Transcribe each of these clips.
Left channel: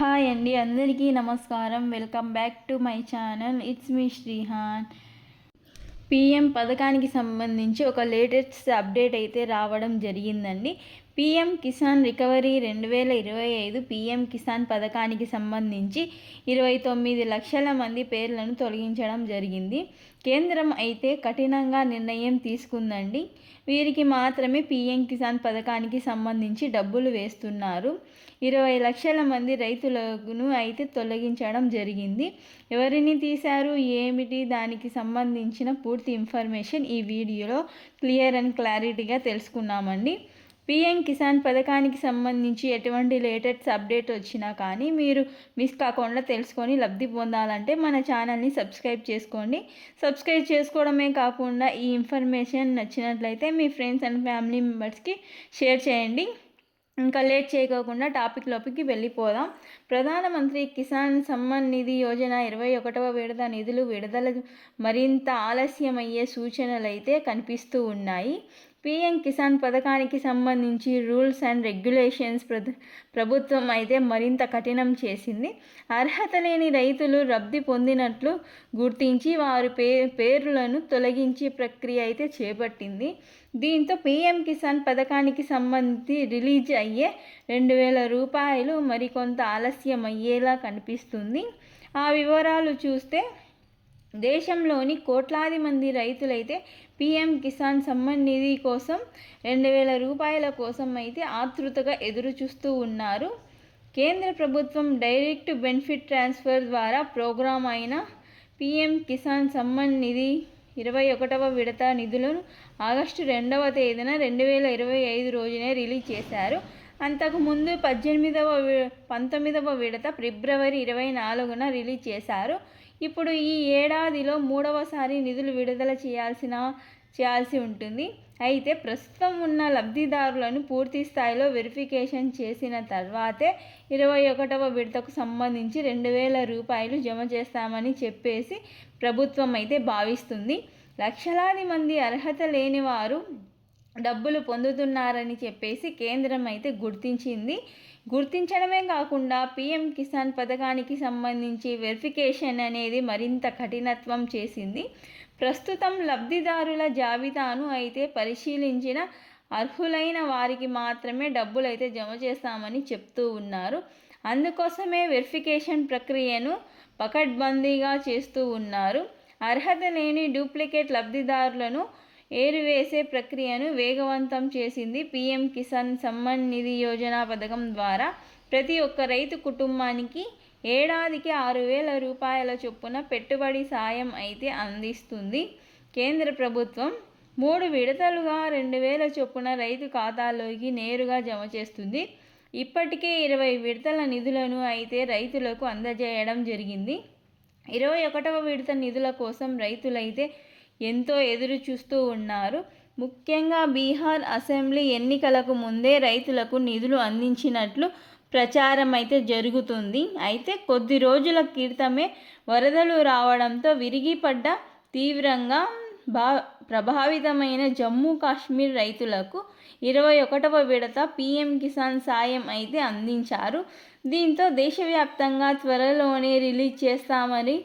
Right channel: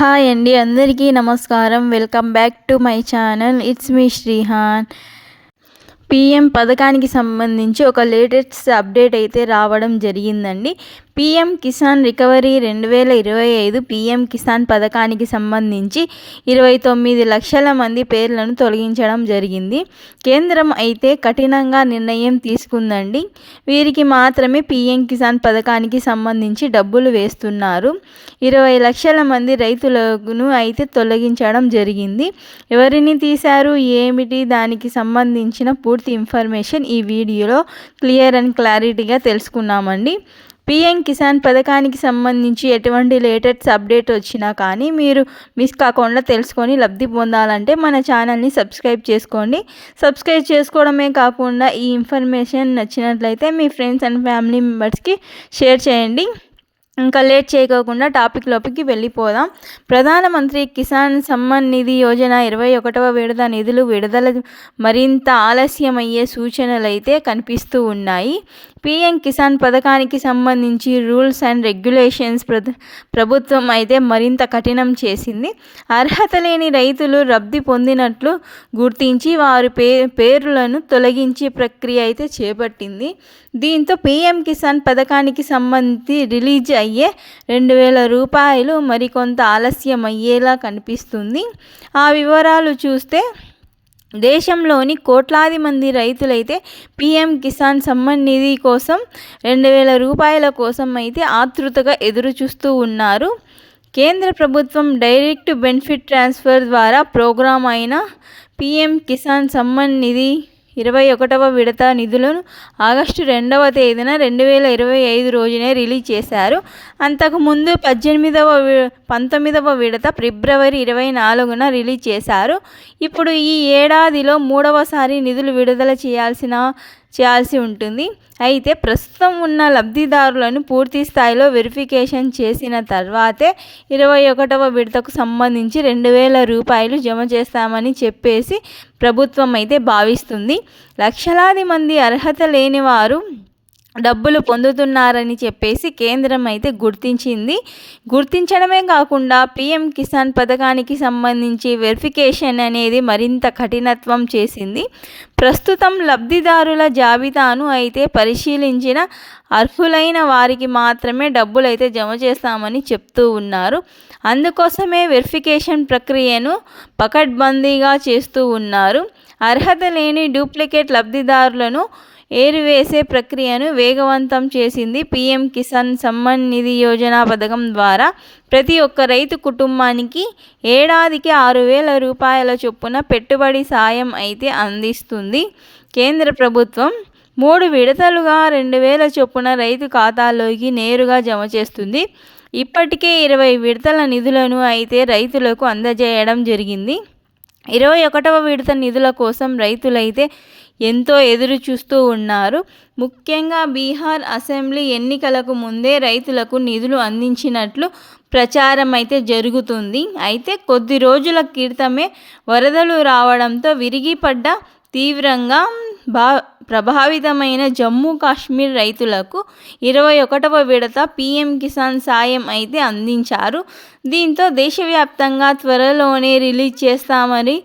Hi అండి అందరికీ నమస్కారం. Welcome back to my channel. It's me Srihan. PM పథకానికి సంబంధించి ఒక లేటెస్ట్ అప్డేట్ అయితే రావడం జరిగిందండి. పీఎం కిసాన్ రికవరీ రెండు వేల ఇరవై ఐదు పీఎం కిసాన్ పథకానికి సంబంధించి ఇరవై తొమ్మిది లక్షల మంది పేర్లను తొలగించడం జరిగింది. కేంద్రం అయితే కఠినంగా నిర్ణయం తీసుకుందండి. వీరికి మాత్రమే పీఎం కిసాన్ పథకానికి సంబంధించి డబ్బులు వేస్తున్నారు. ఇరవై లక్షల మంది రైతులను అయితే తొలగించడం జరిగింది. ఎవరిని తీశారు? ఏమిటి? దానికి సంబంధించిన పూర్తి ఇన్ఫర్మేషన్ ఈ వీడియోలో క్లియర్ అండ్ క్లారిటీగా తెలుసుకున్నామండి. పిఎం కిసాన్ పథకానికి సంబంధించి ఎటువంటి లేటెస్ట్ అప్డేట్ వచ్చినా కానీ మీరు మిస్ కాకుండా తెలుసుకొని లబ్ధి పొందాలంటే మన ఛానల్ని సబ్స్క్రైబ్ చేసుకోండి. సబ్స్క్రైబ్ చేసుకోవడమే కాకుండా ఈ ఇన్ఫర్మేషన్ నచ్చినట్లయితే మీ ఫ్రెండ్స్ అండ్ ఫ్యామిలీ మెంబర్స్కి షేర్ చేయండి. ఇంకా లేట్ చేయకోకుండా టాపిక్ లోపలికి వెళ్ళిపోదాం. ప్రధానమంత్రి కిసాన్ సమ్మాన్ నిధి యోజన ఇరవై ఒకటవ విడత నిధులు విడుదల మరింత ఆలస్యమయ్యే సూచనలు అయితే కనిపిస్తూ ఉన్నాయి. పీఎం కిసాన్ పథకానికి సంబంధించి రూల్స్ అండ్ రెగ్యులేషన్స్ ప్రభుత్వం అయితే మరింత కఠినం చేసింది. అర్హత లేని రైతులు రబ్ది పొందినట్లు గుర్తించి వారి పే పేర్లను తొలగించే ప్రక్రియ అయితే చేపట్టింది. దీంతో పీఎం కిసాన్ పథకానికి సంబంధించి రిలీజ్ అయ్యే రెండు వేల రూపాయలు మరికొంత ఆలస్యం అయ్యేలా కనిపిస్తుంది. ఆ వివరాలు చూస్తే దేశంలోని కోట్లాది మంది రైతులైతే పీఎం కిసాన్ సమ్మాన్ నిధి కోసం రెండు వేల రూపాయల కోసం అయితే ఆతృతగా ఎదురు చూస్తూ ఉన్నారు. కేంద్ర ప్రభుత్వం డైరెక్ట్ బెనిఫిట్ ట్రాన్స్ఫర్ ద్వారా ప్రోగ్రాం అయిన పీఎం కిసాన్ సమ్మాన్ నిధి ఇరవై ఒకటవ విడత నిధులను ఆగస్టు రెండవ తేదీన రెండు వేల ఇరవై ఐదు రోజునే రిలీజ్ చేశారు. అంతకుముందు పద్దెనిమిదవ పంతొమ్మిదవ విడత ఫిబ్రవరి ఇరవై నాలుగున రిలీజ్ చేశారు. ఇప్పుడు ఈ ఏడాదిలో మూడవసారి నిధులు విడుదల చేయాల్సిన చేయాల్సి ఉంటుంది. అయితే ప్రస్తుతం ఉన్న లబ్ధిదారులను పూర్తి స్థాయిలో వెరిఫికేషన్ చేసిన తర్వాతే ఇరవై ఒకటవ విడతకు సంబంధించి రెండు వేల రూపాయలు జమ చేస్తామని చెప్పేసి ప్రభుత్వం అయితే భావిస్తుంది. లక్షలాది మంది అర్హత లేని వారు డబ్బులు పొందుతున్నారని చెప్పేసి కేంద్రం అయితే గుర్తించింది. గుర్తించడమే కాకుండా పీఎం కిసాన్ పథకానికి సంబంధించి వెరిఫికేషన్ అనేది మరింత కఠినత్వం చేసింది. ప్రస్తుతం లబ్ధిదారుల జాబితాను అయితే పరిశీలించిన అర్హులైన వారికి మాత్రమే డబ్బులు అయితే జమ చేస్తామని చెప్తూ ఉన్నారు. అందుకోసమే వెరిఫికేషన్ ప్రక్రియను పకడ్బందీగా చేస్తూ ఉన్నారు. అర్హత లేని డూప్లికేట్ లబ్ధిదారులను ఏరివేసే ప్రక్రియను వేగవంతం చేసింది పీఎం కిసాన్ సమ్మాన్ నిధి యోజన పథకం ద్వారా. ప్రతి ఒక్క రైతు కుటుంబానికి ఏడాదికి ఆరు వేల రూపాయల చొప్పున పెట్టుబడి సాయం అయితే అందిస్తుంది. కేంద్ర ప్రభుత్వం మూడు విడతలుగా రెండు వేల చొప్పున రైతు ఖాతాలోకి నేరుగా జమ చేస్తుంది. ఇప్పటికే ఇరవై విడతల నిధులను అయితే రైతులకు అందజేయడం జరిగింది. ఇరవై ఒకటవ విడత నిధుల కోసం రైతులైతే ఎంతో ఎదురు చూస్తూ ఉన్నారు. ముఖ్యంగా బీహార్ అసెంబ్లీ ఎన్నికలకు ముందే రైతులకు నిధులు అందించినట్లు ప్రచారం అయితే జరుగుతుంది. అయితే కొద్ది రోజుల క్రితమే వరదలు రావడంతో విరిగిపడ్డ తీవ్రంగా బా ప్రభావితమైన జమ్మూ కాశ్మీర్ రైతులకు ఇరవై ఒకటవ విడత పీఎం కిసాన్ సాయం అయితే అందించారు. దీంతో దేశవ్యాప్తంగా త్వరలోనే రిలీజ్ చేస్తామని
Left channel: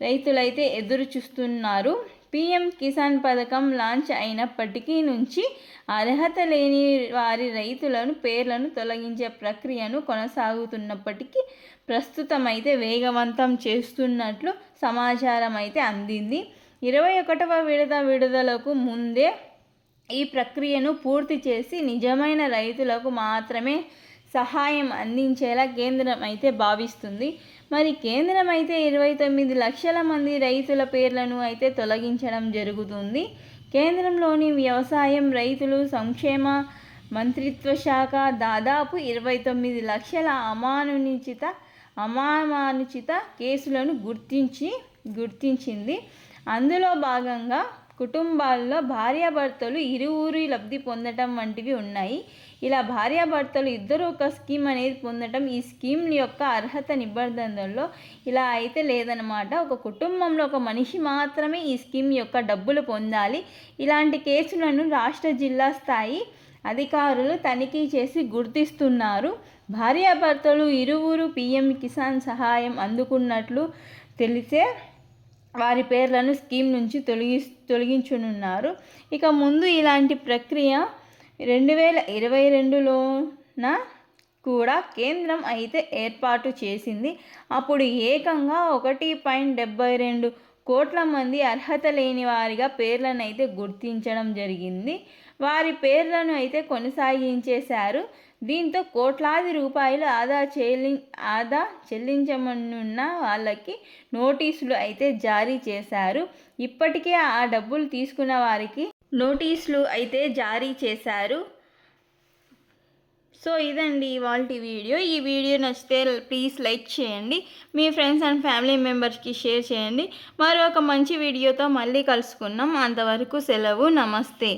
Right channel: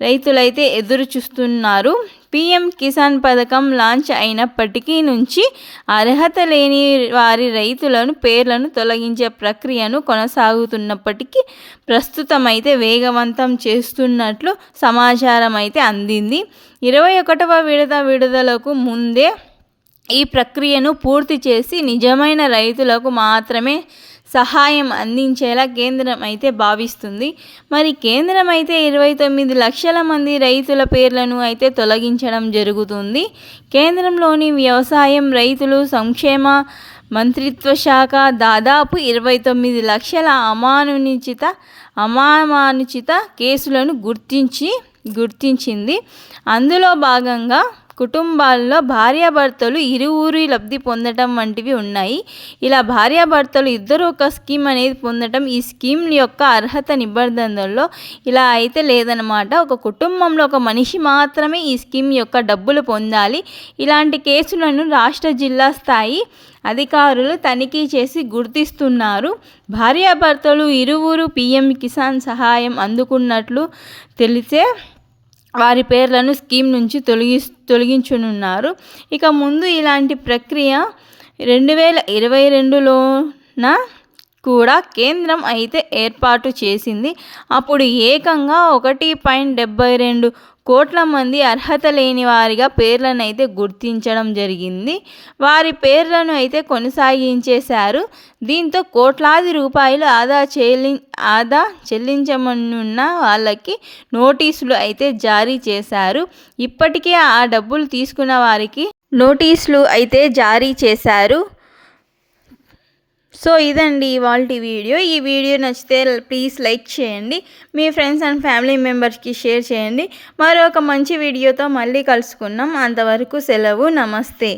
రైతులైతే ఎదురు చూస్తున్నారు పీఎం కిసాన్ పథకం లాంచ్ అయినప్పటికీ నుంచి అర్హత లేని వారి రైతులను పేర్లను తొలగించే ప్రక్రియను కొనసాగుతున్నప్పటికీ ప్రస్తుతం అయితే వేగవంతం చేస్తున్నట్లు సమాచారం అయితే అందింది. ఇరవై ఒకటవ విడత విడుదలకు ముందే ఈ ప్రక్రియను పూర్తి చేసి నిజమైన రైతులకు మాత్రమే సహాయం అందించేలా కేంద్రం అయితే భావిస్తుంది. మరి కేంద్రం అయితే ఇరవై తొమ్మిది లక్షల మంది రైతుల పేర్లను అయితే తొలగించడం జరుగుతుంది. కేంద్రంలోని వ్యవసాయం రైతులు సంక్షేమ మంత్రిత్వ శాఖ దాదాపు ఇరవై తొమ్మిది లక్షల అమానుచిత అమానుచిత కేసులను గుర్తించి గుర్తించింది. అందులో భాగంగా కుటుంబాల్లో భార్యాభర్తలు ఇరువురి లబ్ధి పొందటం వంటివి ఉన్నాయి. ఇలా భార్యాభర్తలు ఇద్దరు ఒక స్కీమ్ అనేది పొందటం ఈ స్కీమ్ యొక్క అర్హత నిబంధనల్లో ఇలా అయితే లేదనమాట ఒక కుటుంబంలో ఒక మనిషి మాత్రమే ఈ స్కీమ్ యొక్క డబ్బులు పొందాలి. ఇలాంటి కేసులను రాష్ట్ర జిల్లా స్థాయి అధికారులు తనిఖీ చేసి గుర్తిస్తున్నారు. భార్యాభర్తలు ఇరువురు పీఎం కిసాన్ సహాయం అందుకున్నట్లు తెలిసే వారి పేర్లను స్కీమ్ నుంచి తొలగి తొలగించనున్నారు. ఇక ముందు ఇలాంటి ప్రక్రియ రెండు వేల ఇరవై రెండులోన కూడా కేంద్రం అయితే ఏర్పాటు చేసింది. అప్పుడు ఏకంగా ఒకటి పాయింట్ డెబ్బై రెండు కోట్ల మంది అర్హత లేని వారిగా పేర్లను అయితే గుర్తించడం జరిగింది. వారి పేర్లను అయితే కొనసాగించేశారు. దీంతో కోట్లాది రూపాయలు ఆదా చెల్లి ఆదా చెల్లించమనున్న వాళ్ళకి నోటీసులు అయితే జారీ చేశారు. ఇప్పటికే ఆ డబ్బులు తీసుకున్న వారికి నోటీసులు అయితే జారీ చేశారు. సో ఇదండి ఇవాళ వీడియో. ఈ వీడియో నచ్చితే ప్లీజ్ లైక్ చేయండి. మీ ఫ్రెండ్స్ అండ్ ఫ్యామిలీ మెంబర్స్కి షేర్ చేయండి. మరొక మంచి వీడియోతో మళ్ళీ కలుసుకున్నాం అంతవరకు సెలవు. నమస్తే.